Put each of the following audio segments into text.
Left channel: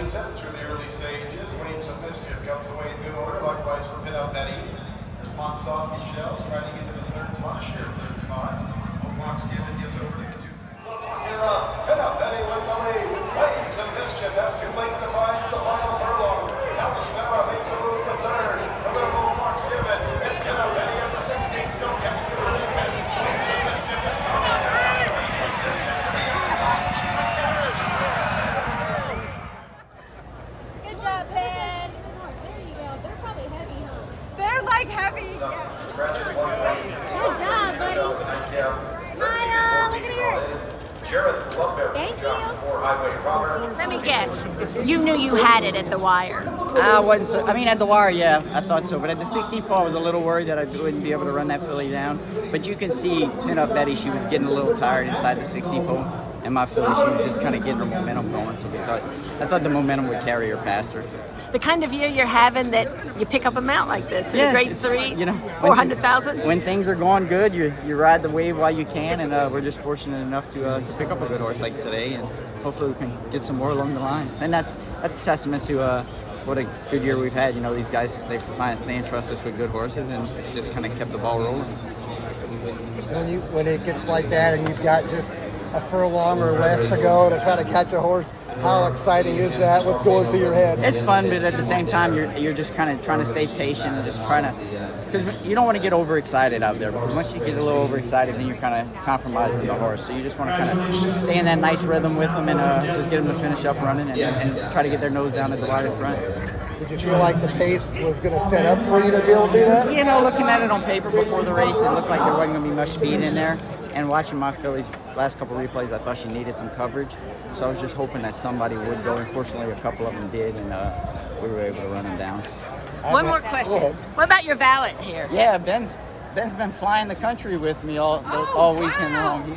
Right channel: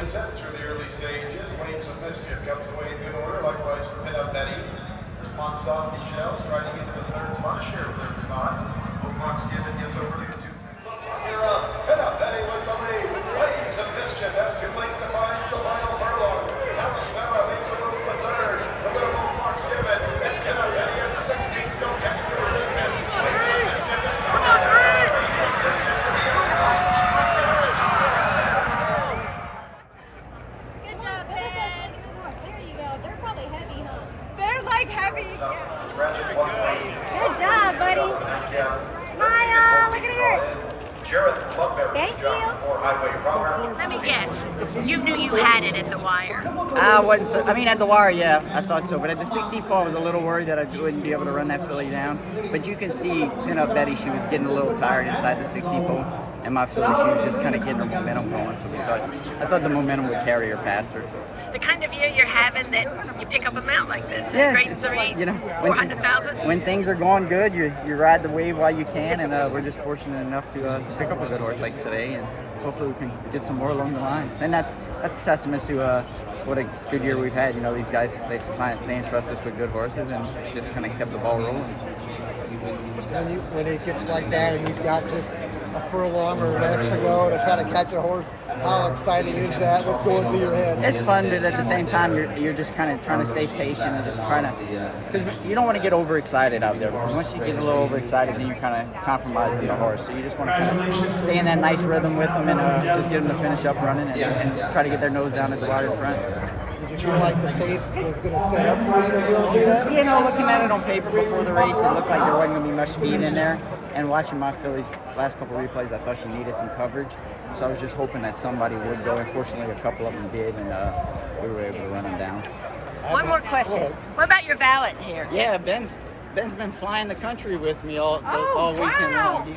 is it through the early stages. Waves of Mischief comes away in good order. Likewise for Pin Up Betty. There's Monsaw Michelle riding into the third spot. Share third spot. Fox Given gets over to the two. Here up. Pin Up Betty with the lead. Waves of Mischief. That's 2 lengths to find the final furlong. Ellis Park makes a move for third. We're going to move Fox Given. It's Pin Up Betty up to 16. Still catching the Waves of Mischief is Good job, buddy. Smile. Look at here. Thank you. Let me guess. You knew you had it at the wire. I wasn't so, I mean, at the wire, yeah, I thought so. But at the 16 pole, I was a little worried that I wouldn't be able to run that filly down. But you can see, Pin Up Betty, she was getting a little tired inside the 16 pole. And my filly, she was just kind of getting her momentum going. So I thought the momentum would carry her past her. The kind of year you're having that you pick up a mount like this. Yeah, grade 3, you know, 400,000. When things are going good, you ride the wave while you can, and we're just fortunate enough to pick up a good horse like today, and hopefully we can get some more along the line. And that's a testament to what a good year we've had. You know, these guys they entrust us with good horses, and it's just kind of kept the ball rolling. When it gets like that, and you've got just a furlong or rest to go to try to catch a horse, how exciting is that? What's going through your head? It's fun, but at the same time, you're just kind of trying to stay patient and just trying to, because you don't want to get overexcited out there, because once you get a little overexcited, then you're kind of compromising the horse. So you just want to kind of stay in that nice rhythm with them and just get them to finish up running and try to get their nose down at the wire in front. Did you feel like the pace was going to set up for you to be able to do that? You know, looking at it on paper before the race, it looked like there wasn't going to be much speed in there. And watching my fillies last couple replays, I thought she needed some coverage. So I was just hoping that somebody would go. Unfortunately, a couple of them did, and we were able to run them down. One more question. What about your valet here? Yeah, Ben's been flying the country with me all weekend long.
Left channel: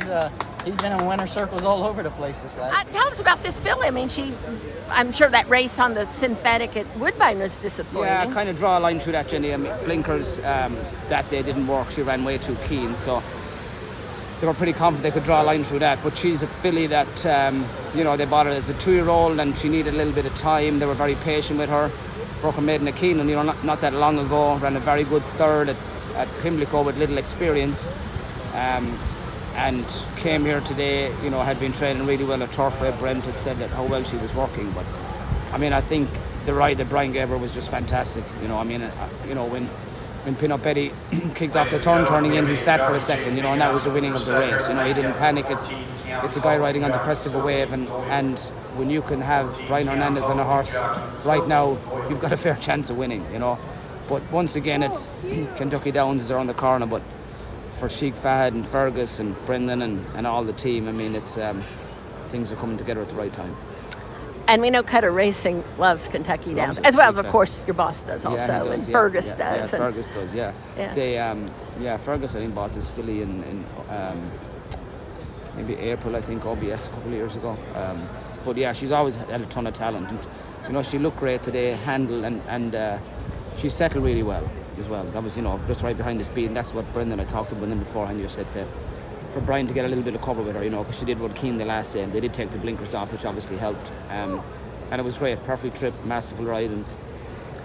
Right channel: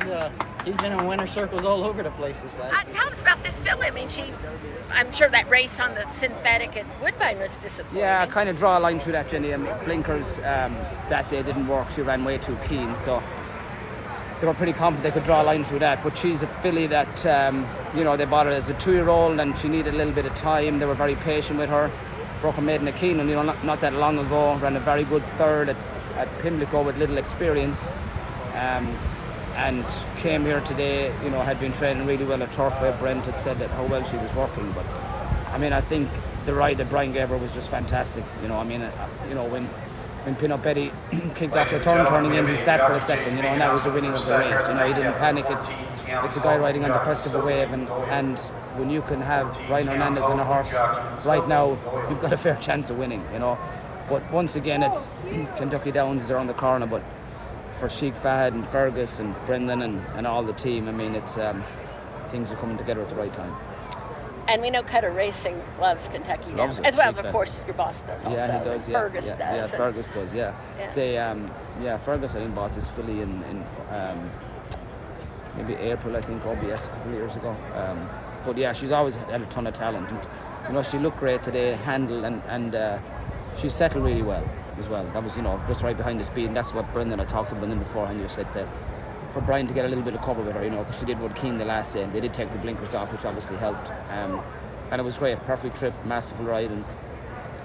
He's been in winter circles all over the place this last. Tell us about this filly. I mean, I'm sure that race on the synthetic at Woodbine was disappointing. Yeah, I kind of draw a line through that, Jenny. I mean, blinkers that day didn't work. She ran way too keen, so they were pretty confident they could draw a line through that. But she's a filly that, you know, they bought her as a 2-year-old and she needed a little bit of time. They were very patient with her. Broke her maiden at Keenan, you know, not that long ago. Ran a very good third at Pimlico with little experience. And came here today, you know, had been training really well at Turfway. Brent had said that how well she was working. But, I mean, I think the ride that Brian gave her was just fantastic. You know, I mean, you know, when Pin Up Betty kicked off the turning in, he sat for a second, you know, and that was the winning of the race. You know, he didn't panic. It's a guy riding on the crest of a wave, and when you can have Brian Hernandez on a horse right now, you've got a fair chance of winning, you know. But once again, it's Kentucky Downs are on the corner, but for Sheikh Fahad and Fergus and Brendan and all the team, I mean, it's things are coming together at the right time. And we know Cutter Racing loves Kentucky now, Loves it, as well as, Sheikh of course, your boss does also. Yeah, he does. Yeah, Fergus yeah, does. Yeah, Fergus does. Yeah. They, Fergus I think bought this filly in maybe April, I think, OBS a couple of years ago. But yeah, she's always had a ton of talent. And, you know, she looked great today, handled, and she settled really well as well. That was, you know, just right behind the speed. And that's what Brendan, I talked to Brendan beforehand, you said that for Brian to get a little bit of cover with her, you know, because she did run keen the last day, and they did take the blinkers off, which obviously helped. And it was great, perfect trip, masterful ride, and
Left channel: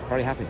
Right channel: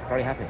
very happy.